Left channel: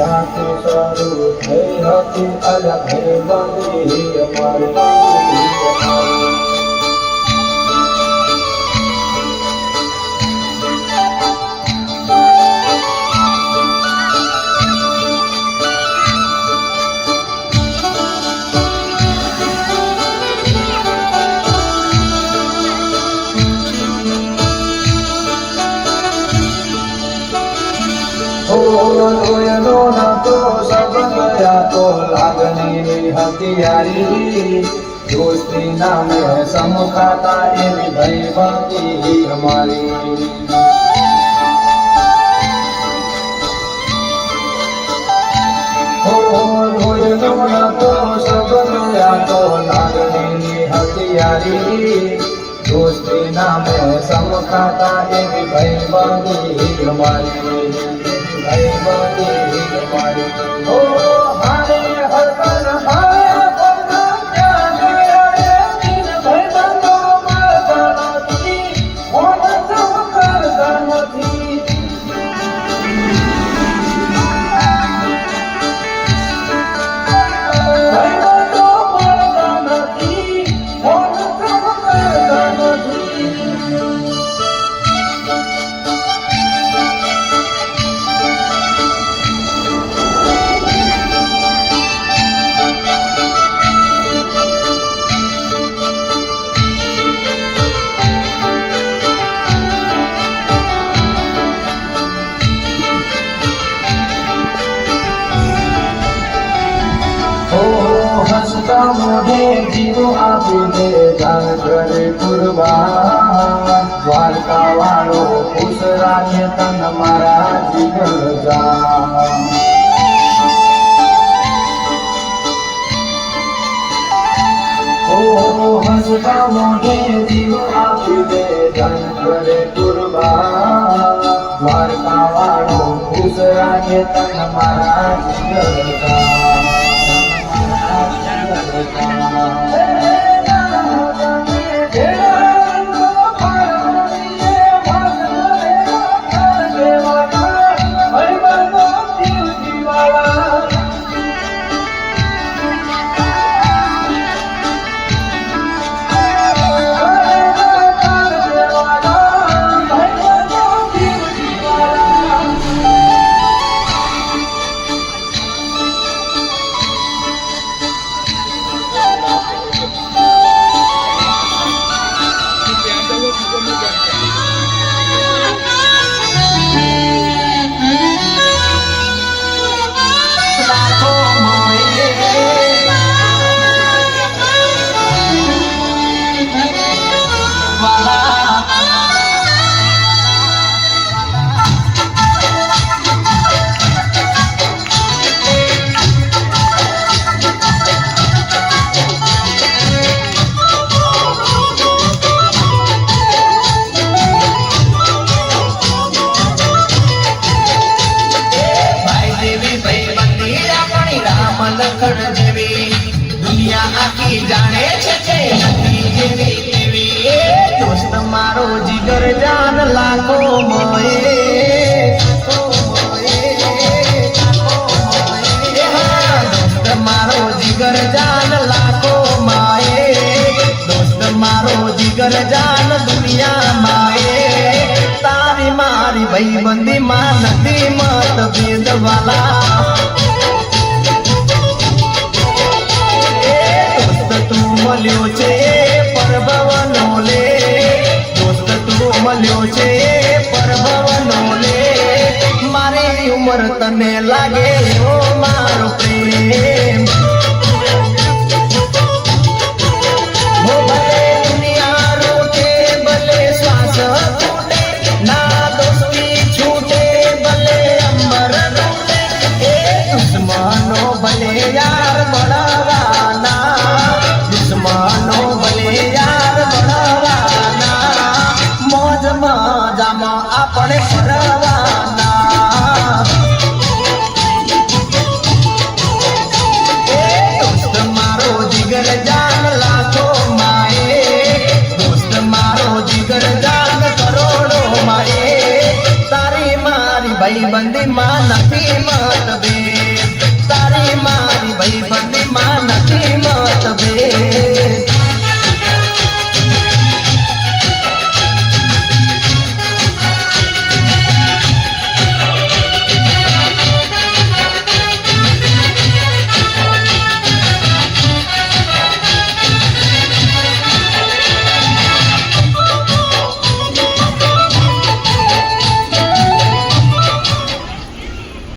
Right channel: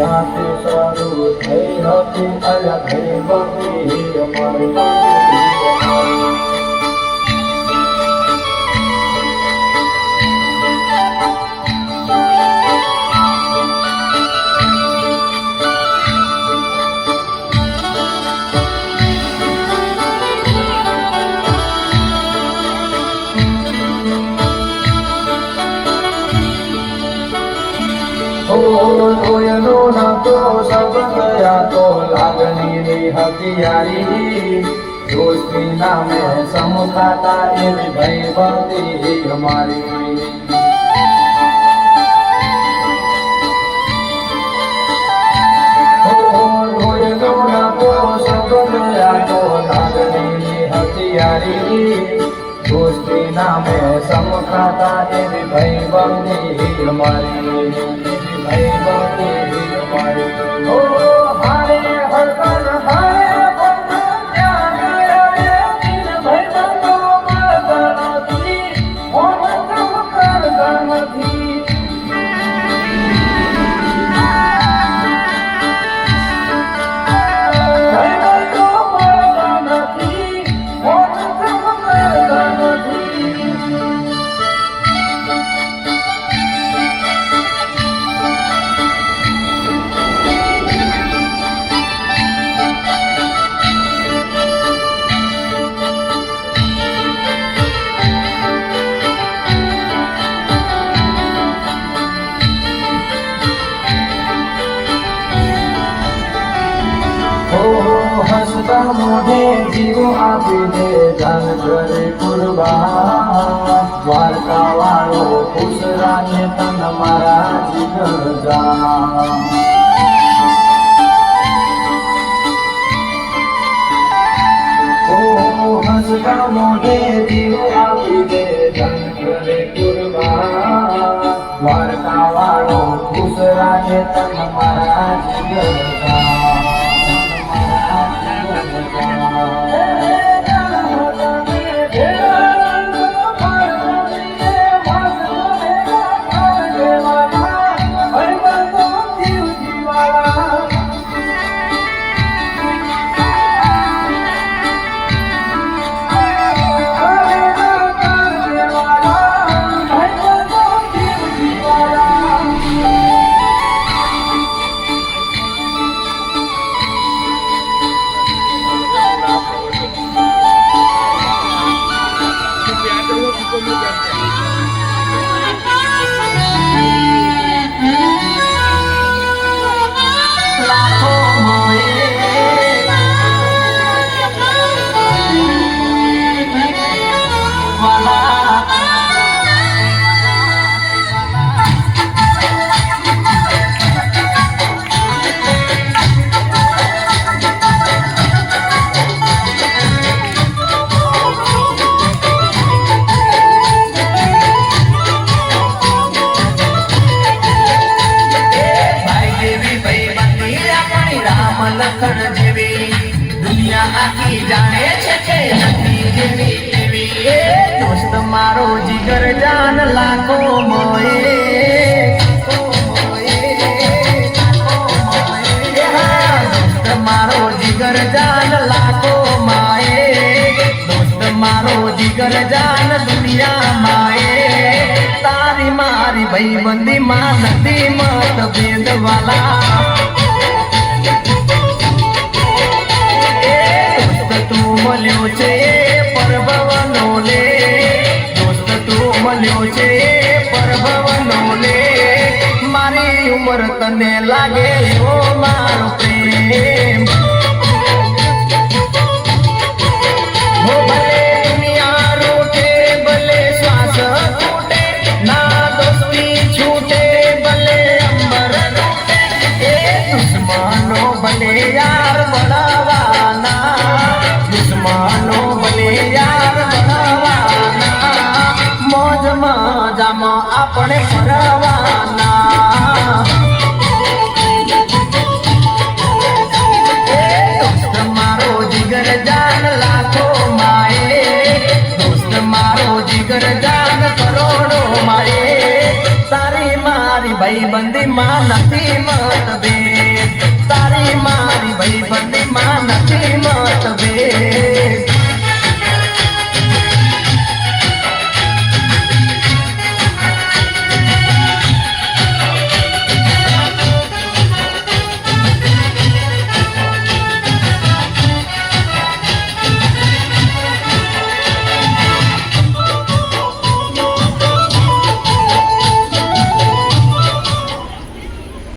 ત્યાંથી શરૂ થઈ હતી અલગ બંધી અમારી। કોઈનો નતો સંબંધ આ તો લાગણીની હથિયારી દોસ્તી નામે સમકાતા એવી ભાઈબંધી અમારી। કોઈનો નતો સંબંધ આ તો લાગણીની હથિયારી દોસ્તી નામે સમકાતા એવી ભાઈબંધી અમારી। હસતા મોઢે જીવો આપીને જાન કરે કુરબાન દ્વારકા વાળો ખુશ રાખે તન મારા જીગર જાન। હસતા મોઢે જીવો આપીને જાન કરે કુરબાન દ્વારકા વાળો ખુશ રાખે તન મારા જીગર જાન। दुनिया आखी जाने छे जेवी तेवी दोस्त मारो जिगर जान लाखो मोए दोस्त मारो जिगर जान लाखो माए दोस्त मारो जिगर जान दुनिया माए तारी मारी भाईबंदी मां नदी मत भेद वाला મળ્યો છે પરભવનો લે દોસ્ત તું મળ્યો છે પરભવનો લે મારી ઉંમર તને લાગે ઓ મારો પ્રેમ ભલે દુનિયા રોટે ભલે શ્વાસ છૂટે ના દોસ્તી છૂટે ભલે અંબર તૂટે એ દુશ્મનો ભલે યાર મળવાના दुश्मनों બંદીમાં નથી મતભેદ તારી માં